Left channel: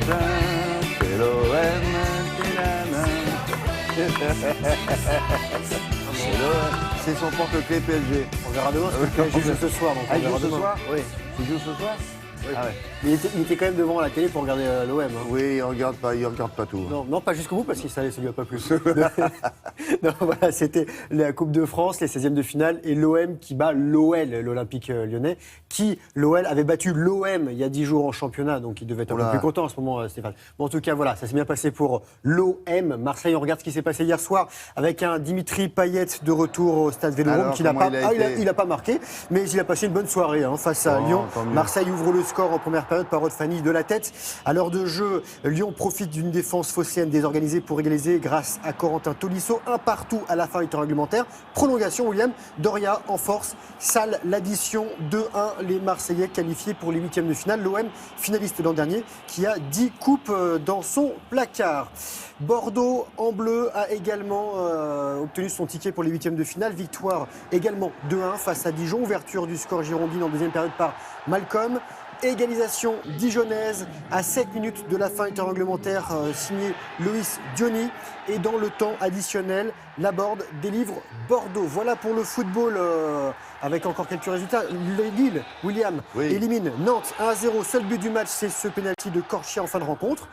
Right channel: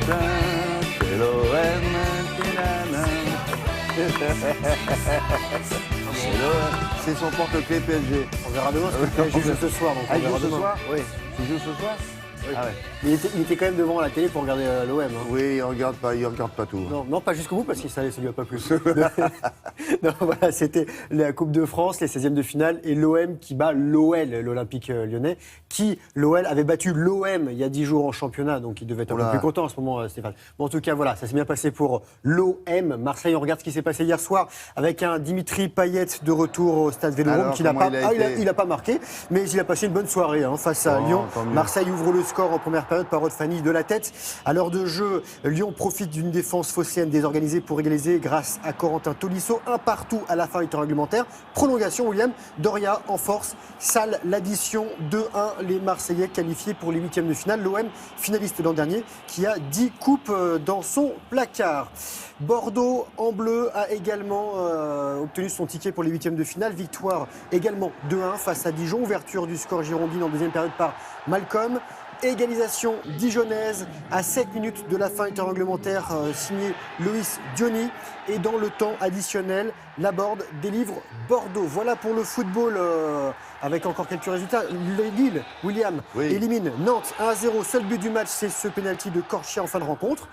c'est l'OM. C'est son porte-clés PSG. On verra demain, parce que le PSG joue ce soir. Donc on il verra joue ce demain. soir Oui. Il joue ce soir Oui. Ah ouais. Mais il était quand même devant la télé pour regarder l'OM. Hein. Oui, il regarde pas tout. Non, pas jusqu'au bout parce que ça lui a pas plu. Non, voilà, c'était la Coupe de France, les 16e de finale et l'OM qui bat l'OL, l'Olympique lyonnais, qui, l'OL, avait battu l'OM il y a 10 jours en championnat, donc il devait être un peu plus content en ce moment, Stéphane. Bon, en tout cas, voilà, ça s'est bien passé pour l'OM. Marseille, on regarde ce qui s'est passé hier soir avec un Dimitri Payet de retour au stade Vélodrome qui n'a pas, il a pas marqué, mais il a passé une bonne soirée face à Lyon. Marseille ouvre le score en première période par Fanny de la tête. À l'heure de jeu, Lyon profite d'une défense phocéenne désorganisée pour égaliser grâce à Corentin Tolisso. Un partout à la fin du temps réglementaire. Prolongation, William. Doria en force. Salle l'addition 2-1. Les Marseillais qualifiés pour les huitièmes de finale. L'OM, finaliste l'an dernier, qui a 10 coupes dans son placard. Bordeaux en bleu a également obtenu son ticket pour les huitièmes de finale. Victoire également 2-1 face à Dijon. Ouverture du score girondine en deuxième période par Malcolm. Égalisation dijonnaise à 7 minutes de la fin du temps réglementaire, signé Loïs Diony. Et dans le temps additionnel, Laborde délivre Bordeaux. Voilà pour le football, avec encore quelques résultats. Lille, William, élimine Nantes 1-0. Seul but du match, c'est ce pénalty de Corchia en fin de rencontre.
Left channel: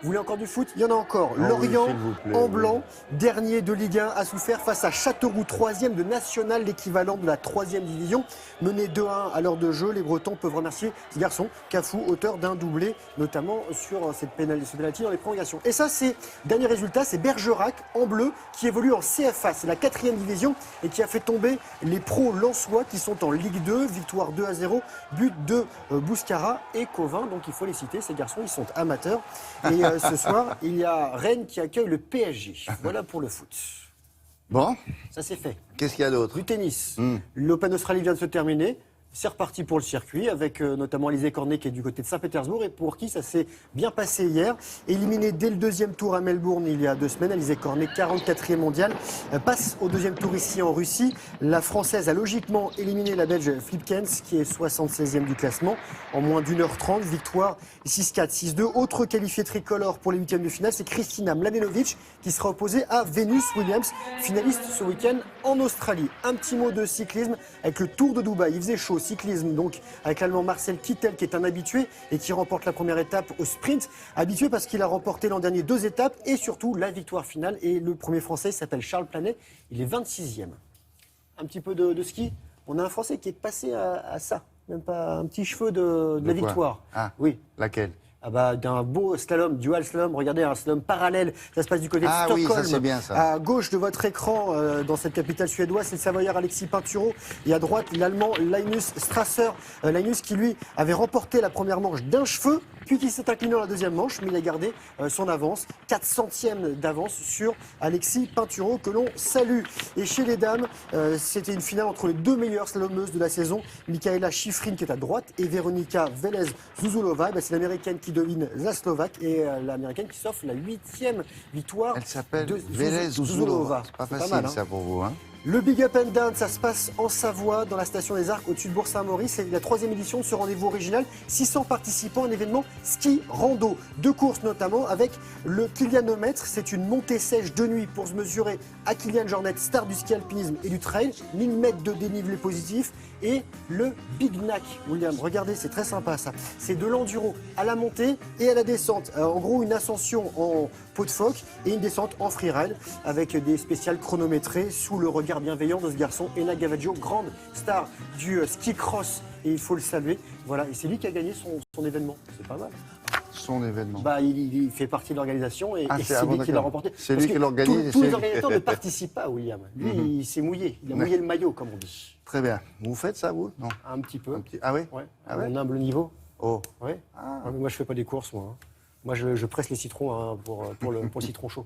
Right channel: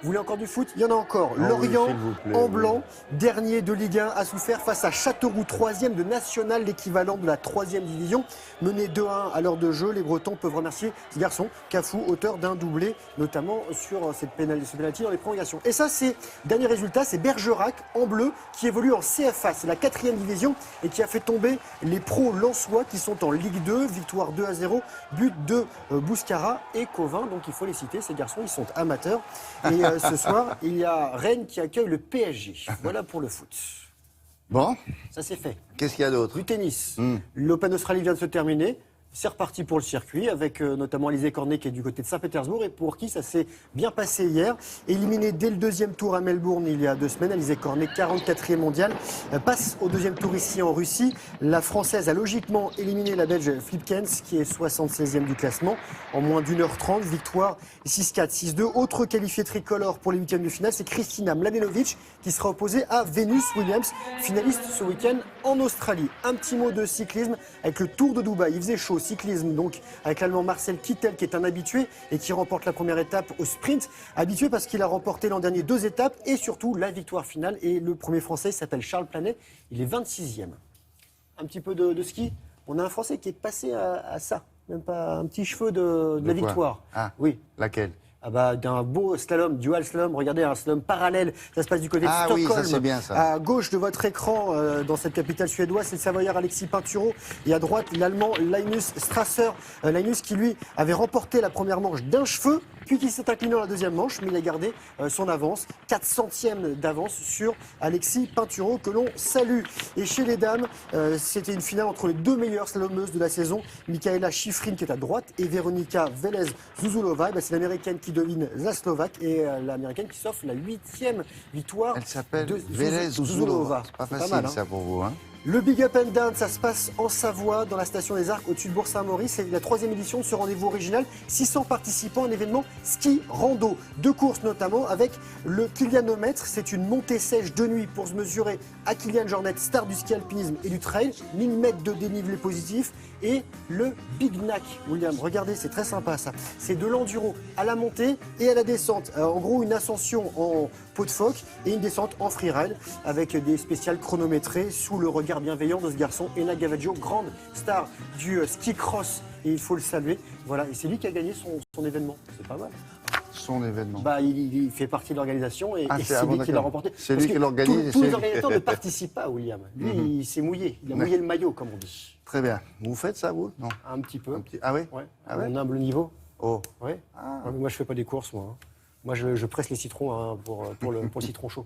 Vous voulez encore du foot? Il y en a encore. Lorient, en blanc, dernier de Ligue 1, a souffert face à Châteauroux, 3e de National, l'équivalent de la 3e division. Mené 2-1 à l'heure de jeu, les Bretons peuvent remercier ce garçon, Cafou, auteur d'un doublé, notamment sur ce pénalty dans les prolongations. Et ça, c'est, dernier résultat, c'est Bergerac, en bleu, qui évolue en CFA, c'est la 4e division, et qui a fait tomber les pros lensois qui sont en Ligue 2, victoire 2-0, but de Bouscara et Covin, donc il faut les citer, ces garçons, ils sont amateurs. Et ce soir, il y a Rennes qui accueille le PSG. Voilà pour le foot. Bon. Ça c'est fait. Qu'est-ce qu'il y a d'autre? Du tennis. L'Open Australie vient de se terminer. C'est reparti pour le circuit avec notamment Alizé Cornet qui est du côté de Saint-Pétersbourg et pour qui ça s'est bien passé hier. Éliminée dès le deuxième tour à Melbourne il y a 2 semaines, Alizé Cornet, 44e mondiale, passe au deuxième tour ici en Russie. La Française a logiquement éliminé la Belge Flipkens qui est 76e du classement en moins d'1h30. Victoire 6-4, 6-2. Autre qualifiée tricolore pour les huitièmes de finale, c'est Kristina Mladenovic qui sera opposée à Venus Williams, finaliste ce week-end en Australie. Un petit mot de cyclisme avec le Tour de Dubaï. Il faisait chaud. Cyclisme donc avec l'Allemand Marcel Kittel qui est un habitué et qui remporte la première étape au sprint. Habitué parce qu'il a remporté l'an dernier 2 étapes et surtout la victoire finale. Et le premier Français s'appelle Charles Planet. Il est 26e. Un petit peu de ski. On a un Français qui est passé à ça. Même pas un petit cheveu de la victoire. Ah, oui. Laquelle? Ah bah, d'un beau slalom, dual slalom, regardez, un slalom parallèle, ça se passe du côté de Stockholm. Oui, ça c'est bien ça. À gauche de votre écran, dans cette capitale suédoise, c'est le Savoyard Alexis Pinturo, et à droite, l'Allemand Linus Strasser. Linus qui, lui, avait remporté la première manche d'un cheveu, puis qui s'est incliné dans la deuxième manche, mais il a gardé son avance, 4 centièmes d'avance sur Alexis Pinturo, que l'on salue. Et chez les dames, c'était une finale entre les 2 meilleures slalomeuses de la saison, Michaela Schifrin qui est à droite, et Veronika Velez-Zuzulova. C'est l'américaine qui domine la Slovaque et l'américaine qui s'offre la 8e victoire. Elle s'appelle de Velez-Zuzulova. C'est pas facile mal, hein. ça pour vous, hein? Le Big Up and Down, ça se passe en Savoie, dans la station des Arcs, au-dessus de Bourg-Saint-Maurice. C'est la 3e édition de ce rendez-vous original. 600 participants, un événement ski-rando. 2 courses notamment, avec le Kylianomètre. C'est une montée sèche de nuit pour se mesurer à Kylian Jornet, star du ski-alpinisme et du trail. 1000 mètres de dénivelé positif. Et le Big Knack, William. Regardez, c'est très sympa ça. C'est de l'enduro à la montée et à la descente. Alors, en gros, une ascension en peau de phoque et une descente en freeride avec des spéciales chronométrées sous le regard bienveillant de ce garçon, Ena Gavaggio, grande star du ski cross. Et il faut le saluer. Voilà, et c'est lui qui a gagné son événement. C'est pas mal. Son événement. Bah, il fait partie de l'organisation et c'est lui qui l'a remporté. C'est lui qui l'organise. Tous les organisateurs ne participent pas, William. Lui, il s'est mouillé. Il a mouillé le maillot, comme on dit. Très bien. Vous faites ça, vous? Non. Un petit peu. Ah oui? Ouais. Ah ouais? À un humble niveau. Oh. Ouais. Ah, mais moi, je fais pas des courses, moi. Moi, je presse les citrons hein, pour le citron chaud.